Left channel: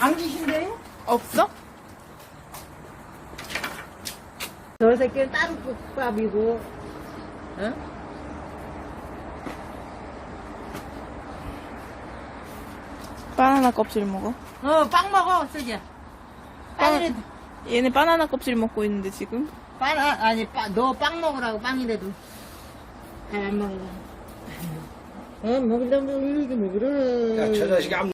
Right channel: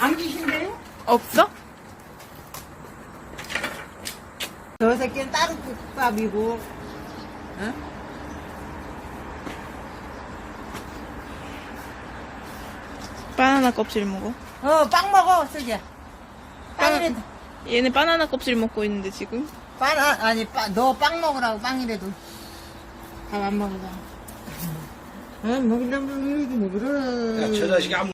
안 주신대요? 없어? 저 새끼는 따로 국밥이고. 응? 바나나 껍질 먹어. 빵 먹어, 쓰게. 빵이라도. 얘네 바나나 껍질 먹고 있는데 지금. 너 빵 먹으라고, 빵이라도. 밥 안 먹으라고. 먹으려면 이러긴 그래. 야, 저 자식이 안